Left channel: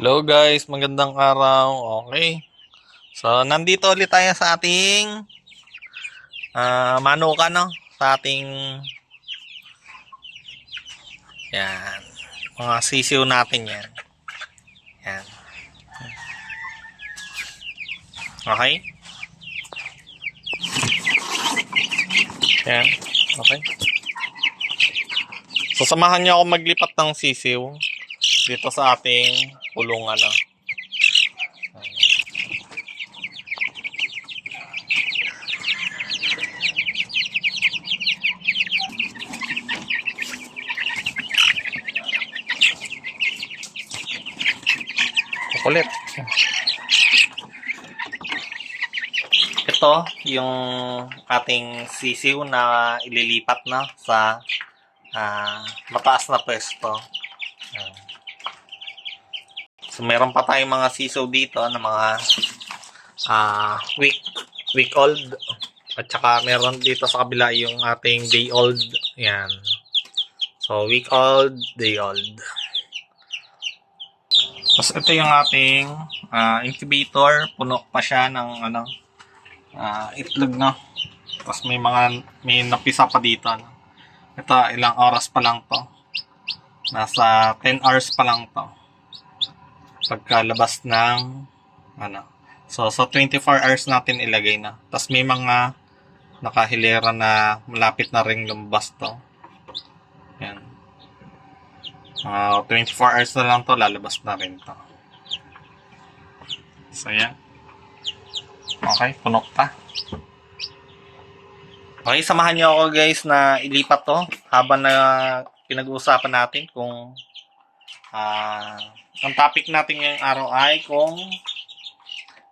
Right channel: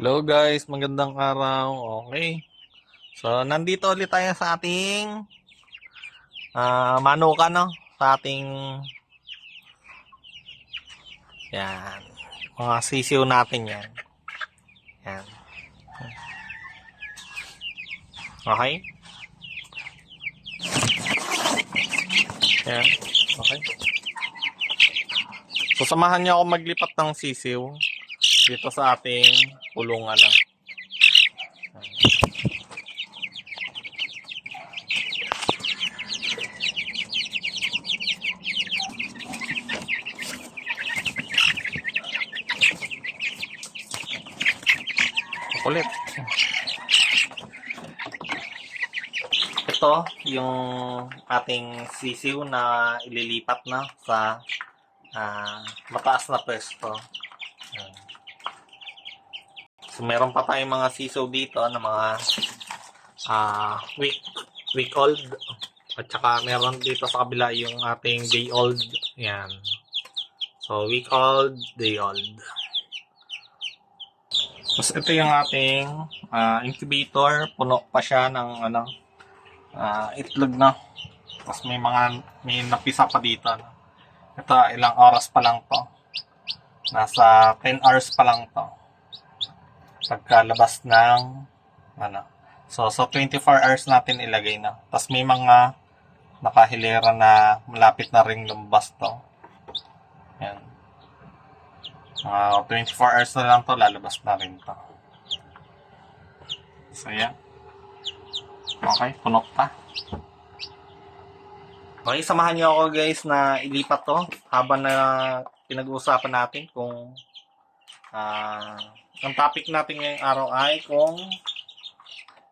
Hello guys, magandang araw. Okay. So, nandito ulit tayo sa ating manuka, no? Sa ating yan, mga sisiw natin yan. Yan. Okay? Yan. Okay. So, samahan niyo ako maglipat ng sisiw dito sa ating pulungan, no? Kulit. Ito yung ating sisiw na ililipat na sa mataas na pwesto. So meron pa tayong mga sisiw dito na mga week old, at saka meron dito sa kabila yung ating day old. Yan. So week old, day old. Tapos ito yung ating incubator, puno pa siya ng itlog, no. Tapos may napisa pa dito, no? Ito ilang oras pa lang to. Nasa 10 hours pa lang to pagkalabas ng So 24 hours natin ilagay na. Tapos may mga nakahilera na malapit na ring lumabas to. Yan. 24 hours na lang to, lalabas na rin to. So yan. Okay, punok pa. Okay, samahan niyo ako guys na ilipat to habang na pinag-uusapan natin kung ang topic natin ngayong araw ay kung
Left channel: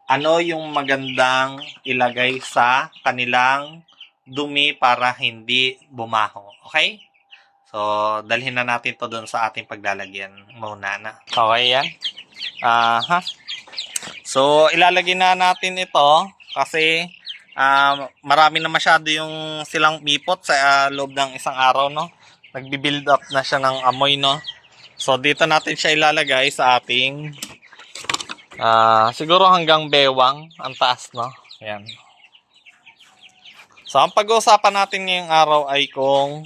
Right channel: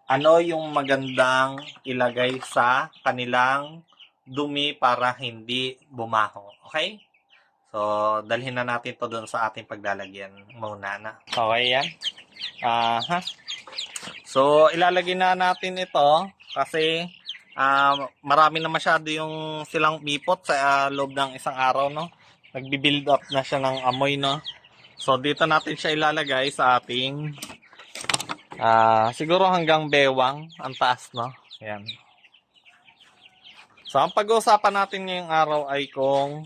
ano yung magandang ilagay sa kanilang dumi para hindi bumaho. Okay? So, dalhin na natin to doon sa ating paglalagyan muna na. Okay yan? So, ilalagay na natin ito kasi marami na masyado yung silang mipot sa loob ng isang araw, no? Nagbi-build up na siya ng amoy, no? So, dito natin siya ilalagay sa ating siguro hanggang bewang ang taas, no? Ayan. So, ang pag-uusapan natin ngayong araw ay kung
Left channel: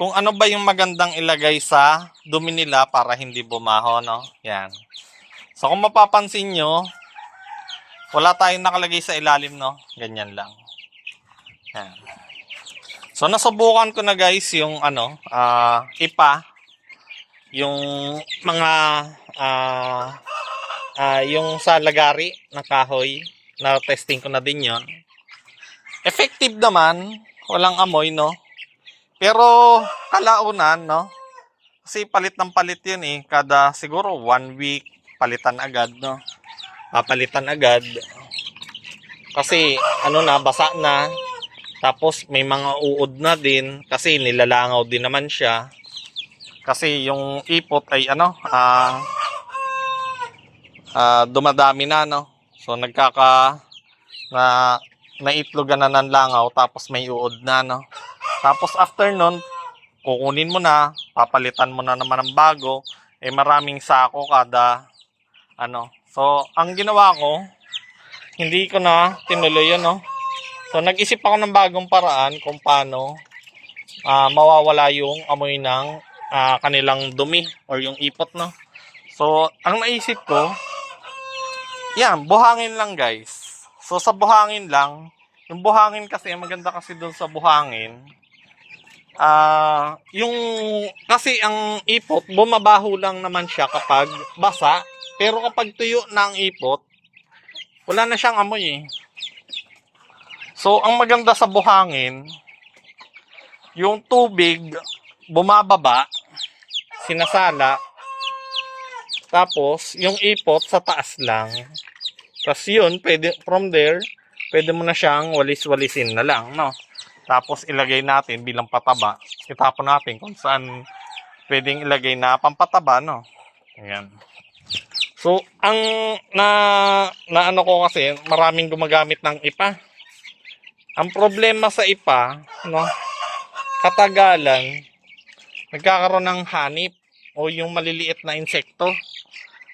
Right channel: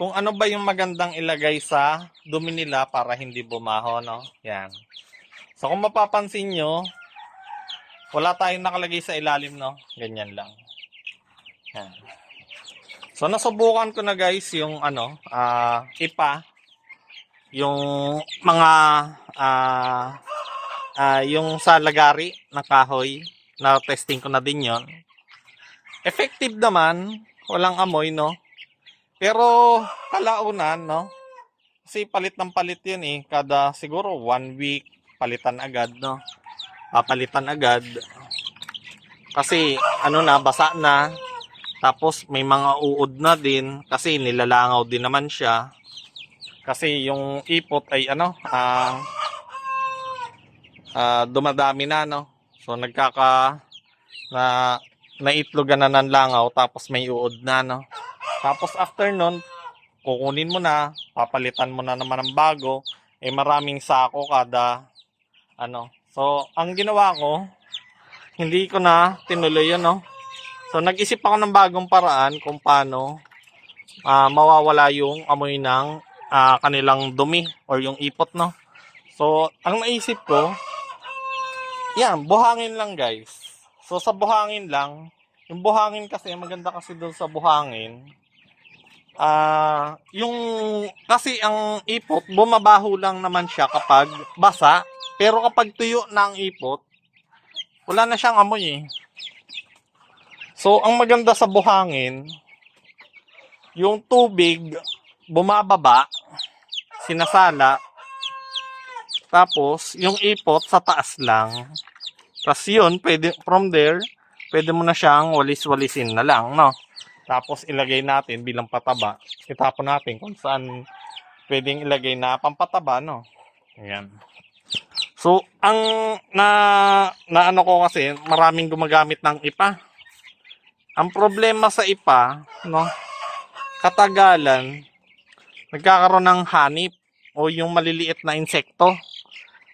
ano ba yung magandang ilagay sa dumi nila para hindi bumaho, no? Yan. So, kung mapapansin nyo, wala tayong nakalagay sa ilalim, no? Ganyan lang. Yan. So, nasubukan ko na guys yung ipa, yung mga yung sa lagari na kahoy, na testing ko na din yon. Effective naman, walang amoy, no? Pero kalaunan, no? Kasi palit ng palit yun eh. Kada siguro 1 week, palitan agad, no? Papalitan agad. Kasi basa na. Tapos may mga uod na din. Kasi nilalangaw din naman siya. Kasi yung ipot ay dumadami na, no? So naitlogan na ng langaw, tapos may uod na, no? Tapos after nun, kukunin mo na, papalitan mo na naman ng bago, maraming sako kada So, ang ginawa ko, hindi ko na tinuloy yun, no? So, nag-isip ako ng bagong paraan kung paano mawawala yung amoy ng kanilang dumi or yung ipot, no? So, ang naisip ko, yan, buhangin lang guys. So, sa buhangin lang, yung buhangin kasi, maganda kasi doon sa buhangin, kasi ang ipot, bumabaho lang naman siya kapag basa, pero kapag tuyo na ang ipot, wala na siyang amoy eh. So, ang maganda sa buhangin, yung tubig, bumababa, sinasala, tapos, yung ipot sa taas lang. Tapos yun, from there, pwede mo na siyang walis-walisin na lang, no? Tapos ilagay natin bilang pataba. Itapon natin kung saan pwedeng ilagay na pampataba, no? Ayan. So, ang ko kasi, maraming gumagamit ng ipa. Ang problema sa ipa, no? Katagalan, nagkakaroon ng hanip o yung maliliit na insekto.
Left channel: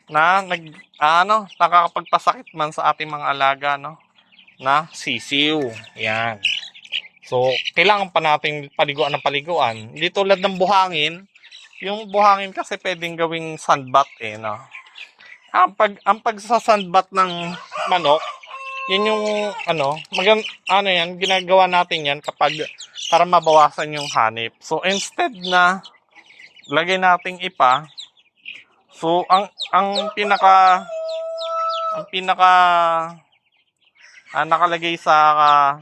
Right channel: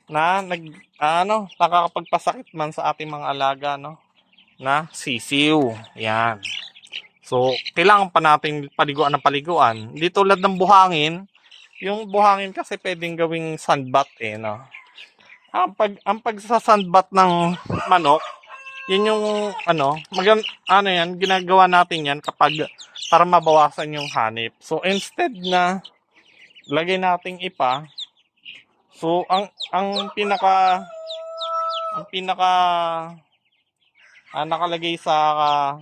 na nakakapagpasakit man sa ating mga alaga, no, na sisiw. Yan. So, kailangan pa nating paliguan ng paliguan. Hindi tulad ng buhangin. Yung buhangin kasi pwedeng gawing sandbat no. Ang pagsasandbat ng manok, yan yung yan, ginagawa natin yan kapag para mabawasan yung hanip. So, instead na lagay nating ipa, so ang pinaka nakalagay sa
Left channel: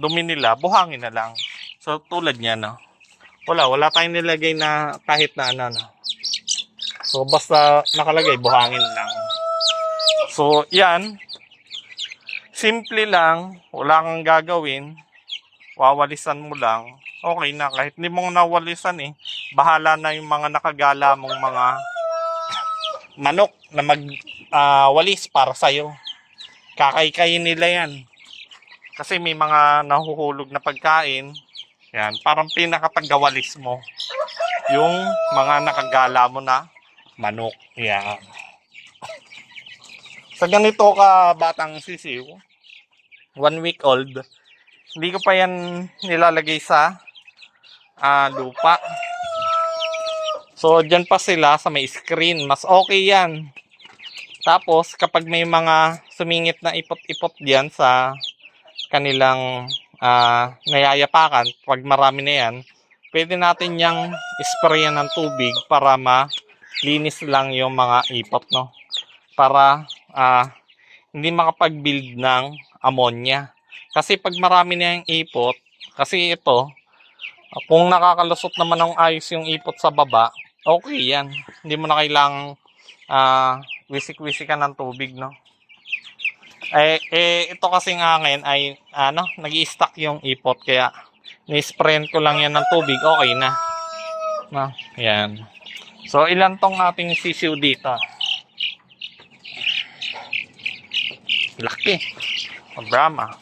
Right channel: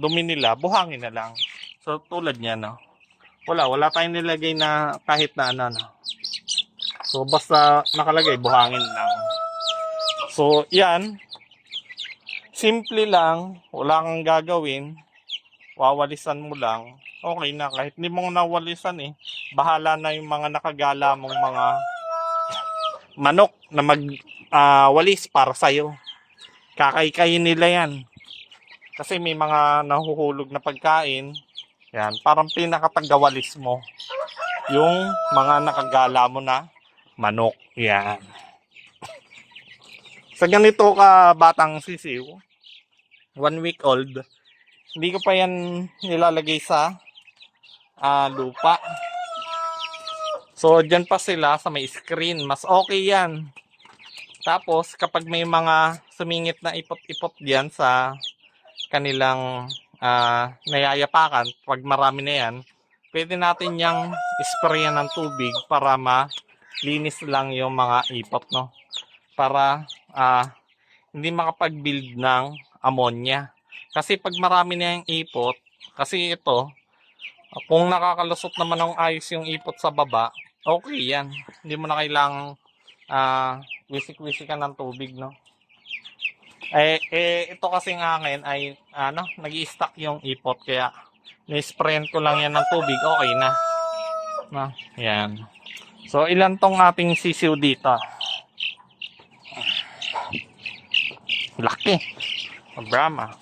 dumi nila, buhangin na lang. So, tulad niya, no? Wala tayong nilagay na kahit na ano. So, basta nakalagay, buhangin lang. So, yan. Simple lang. Wala kang gagawin. Wawalisan mo lang. Okay na. Kahit hindi mo nawalisan bahala na yung mga nakagala mong mga manok na magwalis para sa'yo. Kakay-kayin nila yan. Kasi may mga nahuhulog na pagkain. Yan, parang pinakatagawalis mo yung mga nakagala mo na manok. Yan. Sa ganito ka batang sisiw, 1 week old, hindi ko pa yan nilalagay sa lupa. So, dyan pa sila sa may screen. Mas okay yan. Tapos, kapag may mga sumingit na ipot-ipot diyan sa kanilang nayayapakan, pag marami na yan, pwede natin yang sprayan ng tubig para malinis lang yung mga ipot, no? Para hindi makapag-build ng ammonia. Kasi pag marami na yung ipot, kasi ito, kung nakakalusot naman ng ayos yung ipot sa baba, okay yan. Hindi mo na kailangang wisik-wisikan ng tubig, no? Ito kasing akin ay nag-i-stack yung ipot, kaya ni-sprayan ko lang yan ng tubig, okay na. Yan. So, ilan tong ating sisiw dito? Laki. Brahma.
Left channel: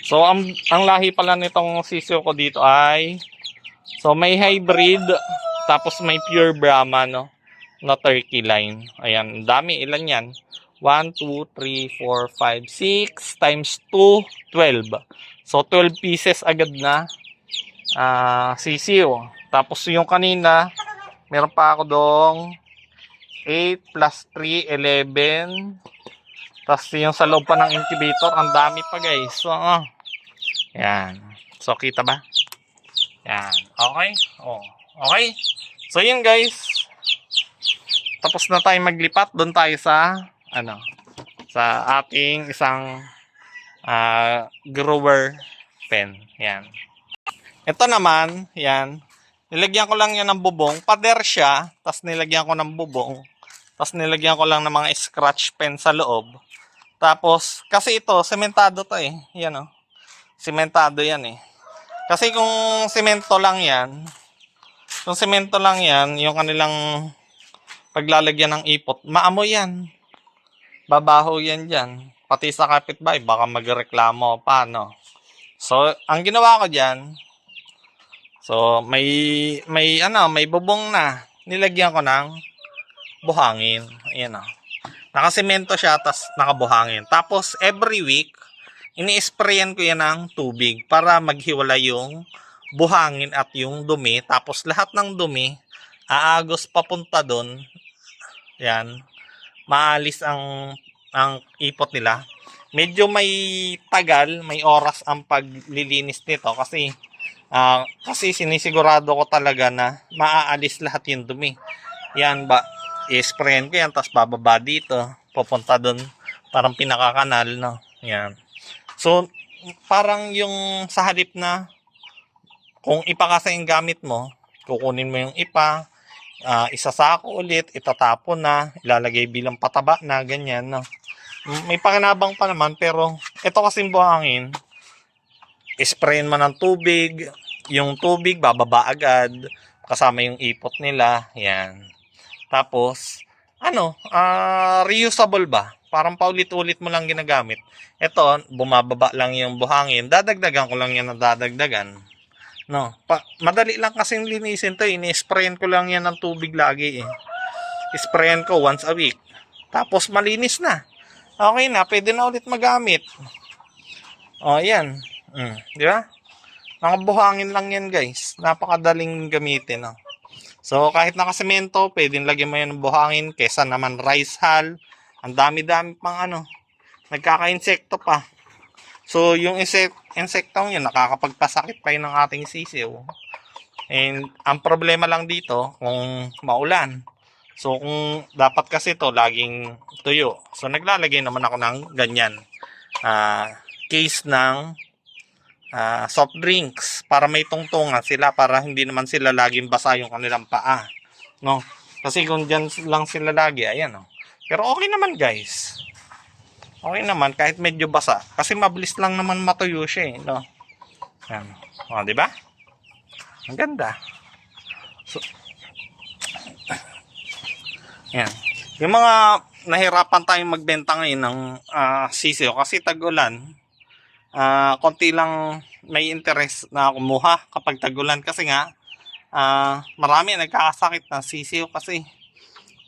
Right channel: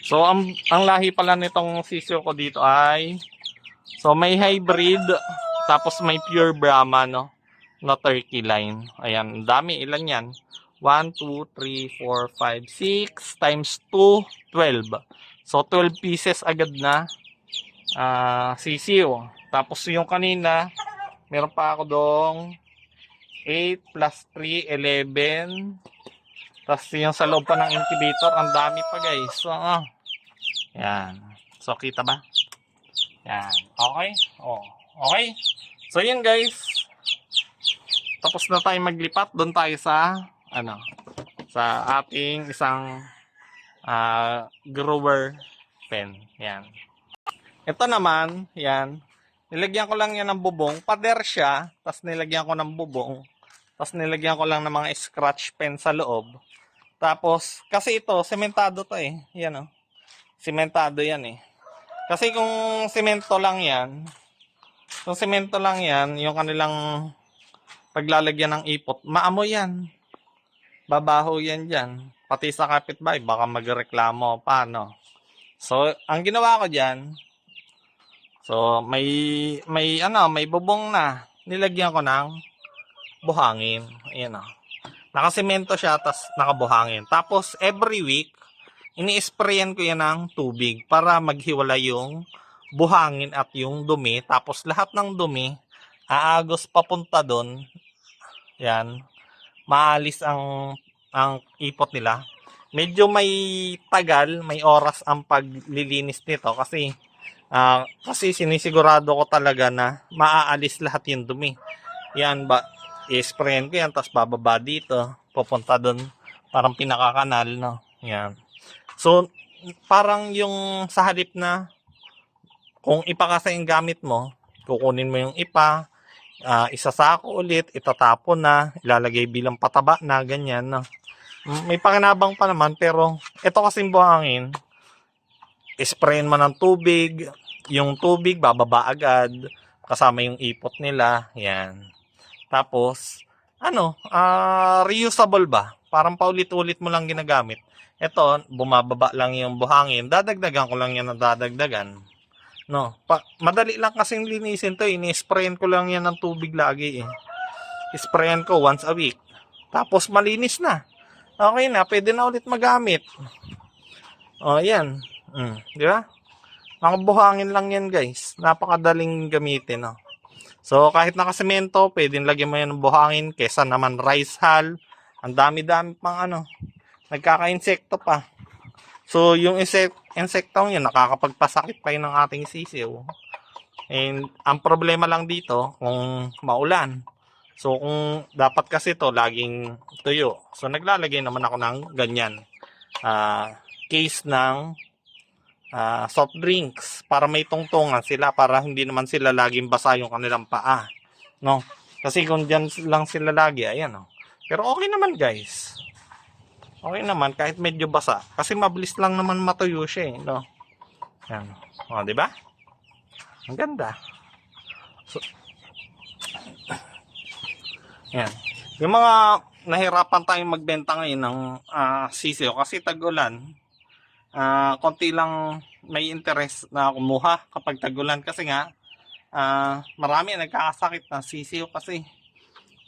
So, ang lahi pala nitong sisiw ko dito ay, so may hybrid, tapos may pure Brahma, no? Na turkey line. Ayan, dami. Ilan yan? 1, 2, 3, 4, 5, 6 times 2, 12. So, 12 pieces agad na sisiw. Tapos yung kanina, meron pa ako dong 8 plus 3, 11. Tapos yung sa loob pa ng incubator, ang dami pa guys. So, yan. So, kita ba? Yan. Okay? Okay. So, yun guys. Tapos na tayo maglipat, doon tayo sa sa ating isang grower pen. Yan. Ito naman, yan. Nilagyan ko lang yan ng bubong. Pader siya, tapos nilagyan ko ng bubong. Tapos nilagyan ko lang ng mga scratch pen sa loob. Tapos, kasi ito, sementado to Yan Sementado yan Kasi kung semento lang yan, yung kanilang paglalagyan ng ipot, maamoy yan. Babaho yan dyan. Pati sa kapitbahay, baka magreklamo pa, no? So, ang ginawa ko dyan, so, may bubong na. Nilagyan ko ng buhangin. Ayan Nakasemento siya, tas nakabuhangin. Tapos, every week, ini-sprayan ko yan ng tubig para maghiwala yung buhangin at yung dumi. Tapos, lahat ng dumi, aagos papunta doon. Yan. Maalis ang ipot nila. Medyo may tagal, may oras ang paglilinis nito kasi sinisigurado ko talaga na maaalis lahat yung dumi. Yan ba, i-sprayan ko yan, tapos bababa dito, pupunta doon, parang pinakakanal, no? Yan. So, parang yung sa halip na kung ipa kasi yung gamit mo, kukunin mo yung ipa, isasako ulit, itatapon na, ilalagay bilang pataba na, ganyan, no? May pakinabang pa naman, pero ito kasing buhangin, sprayin mo ng tubig, yung tubig bababa agad, kasama yung ipot nila, yan. Tapos, reusable ba? Parang paulit-ulit mo lang ginagamit. Ito, bumababa lang yung buhangin, dadagdagan ko lang yan na dadagdagan. No, madali lang kasing linisin to. Ini-sprayan ko lang yan ng tubig lagi eh. Sprayan ko once a week. Tapos malinis na. Okay na, pwede na ulit magamit. O, yan. Di ba? Nakabuhangin lang yan guys. Napakadaling gamitin. No? So, kahit nakasemento, pwede lagyan mo yan ng buhangin. Kesa naman rice hull. Ang dami-dami pang nagkaka-insekto pa. So, yung insektong yun, nakakapagpasakit pa yun ng ating sisiw. And, ang problema lang dito, kung maulan. So, kung dapat kasi to laging tuyo. So, naglalagay naman ako ng ganyan. Case ng soft drinks para may tungtungan sila para hindi naman sila laging basa yung kanilang paa. No? Kasi kung dyan lang sila lagi, ayan. No? Pero okay naman guys. Okay naman kahit medyo basa. Kasi mabilis lang naman matuyo siya eh. No? Ayan. O, diba? Ang ganda. So, yan. Yung mga nahirapan tayong magbenta ngayon ng sisiyo kasi tag-ulan, konti lang may interest na kumuha kapag tag-ulan kasi nga marami nagkakasakit ng sisiyo kasi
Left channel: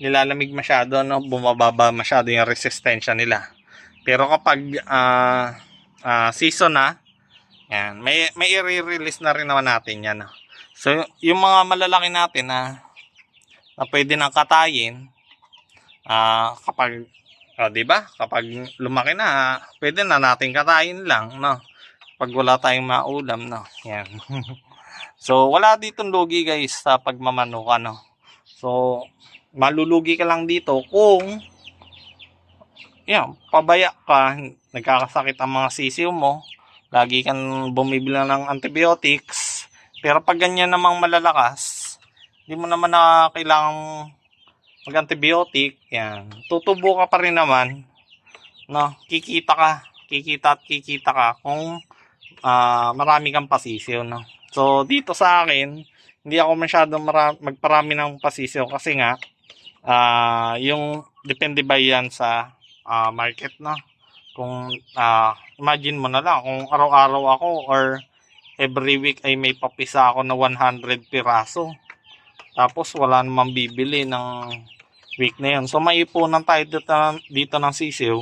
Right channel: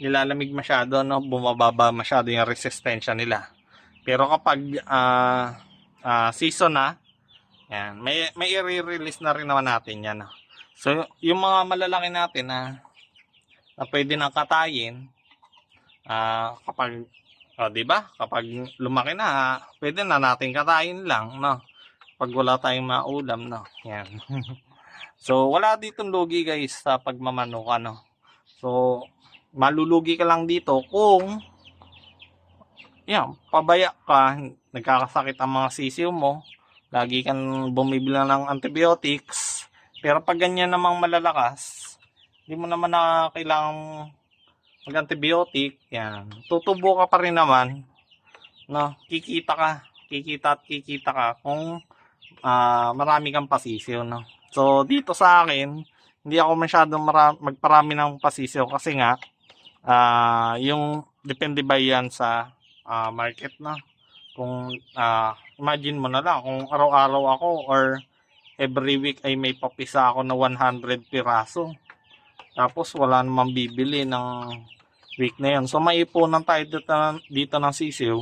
nilalamig masyado, no? Bumababa masyado yung resistensya nila. Pero kapag season na, yan, may i-release na rin naman natin yan. No? So, yung mga malalaki natin na pwede nang katayin kapag di ba? Kapag lumaki na, pwede na natin katayin lang, no? Pag wala tayong maulam, no? Yan. So, wala ditong lugi guys sa pagmamanuka, no? So, malulugi ka lang dito kung yan, pabaya ka, nagkakasakit ang mga sisiw mo, lagi kang bumibili ng antibiotics, pero pag ganyan namang malalakas, hindi mo naman na kailangang mag-antibiotic, yan. Tutubo ka pa rin naman, no? Kikita ka kung marami kang pasisiw, no? So, dito sa akin, hindi ako masyadong magparami ng pasisiw kasi nga, yung depende ba yan sa market, no? Kung imagine mo na lang, kung araw-araw ako or every week ay may papisa ako na 100 piraso. Tapos wala namang bibili ng week na yun. So maipunan tayo dito ng sisiw.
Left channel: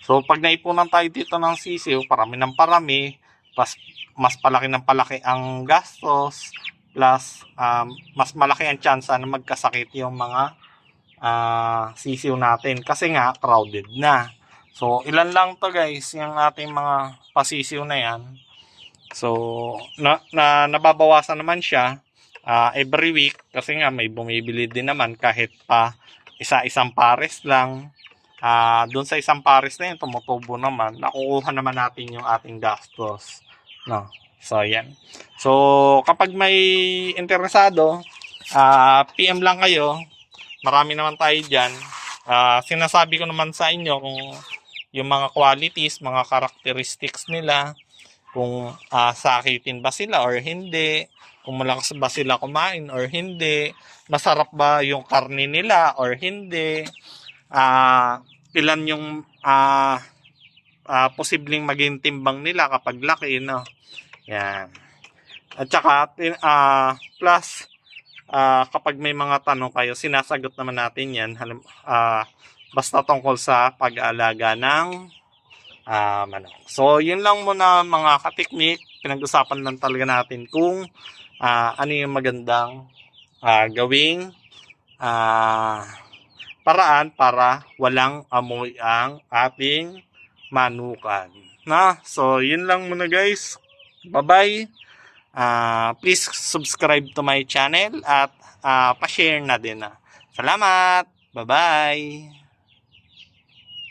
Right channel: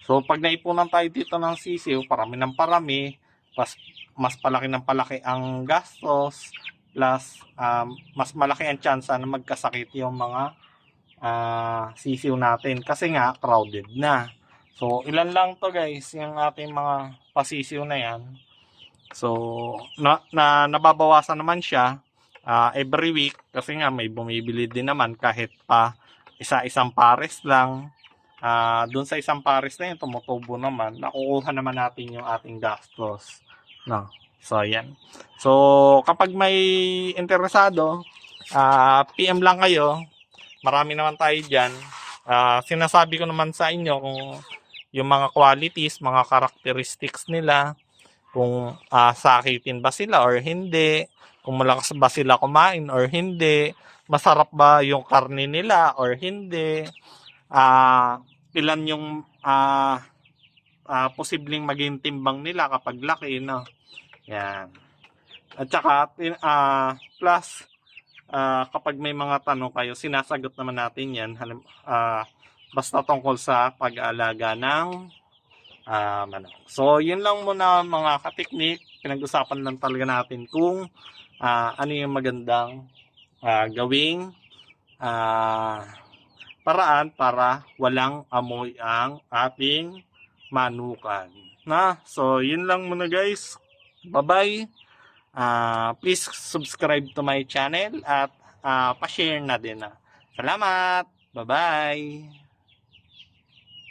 So pag naipunan tayo dito ng sisiw, parami ng parami, mas palaki ng palaki ang gastos, plus mas malaki ang tsansa na magkasakit yung mga sisiw natin. Kasi nga, crowded na. So ilan lang to guys, yung ating mga pasisiw na yan. So nababawasan naman siya every week kasi nga may bumibili din naman kahit pa isa-isang pares lang. Doon sa isang pares na yun, tumutubo naman, nakukuha naman natin yung ating gastos, no? So yan. So kapag may interesado, PM lang kayo, marami naman tayo dyan. Sinasabi ko naman sa inyo kung yung mga qualities, mga characteristics nila, kung sakitin ba sila or hindi, kung malakas ba sila kumain or hindi, masarap ba yung karne nila or hindi, ilan yung posibleng maging timbang nila kapag laki, no? Yan. At saka plus kapag may mga tanong kayo, sinasagot naman natin yan, basta tungkol sa pag-aalaga ng manok. So yun lang muna mga kateknik, pinag-usapan lang talaga natin kung ano yung magandang gawing paraan para walang amoy ang ating manukan. So yun lang muna guys. Bye-bye. Please subscribe to my channel at pa-share na din. Salamat. Bye-bye.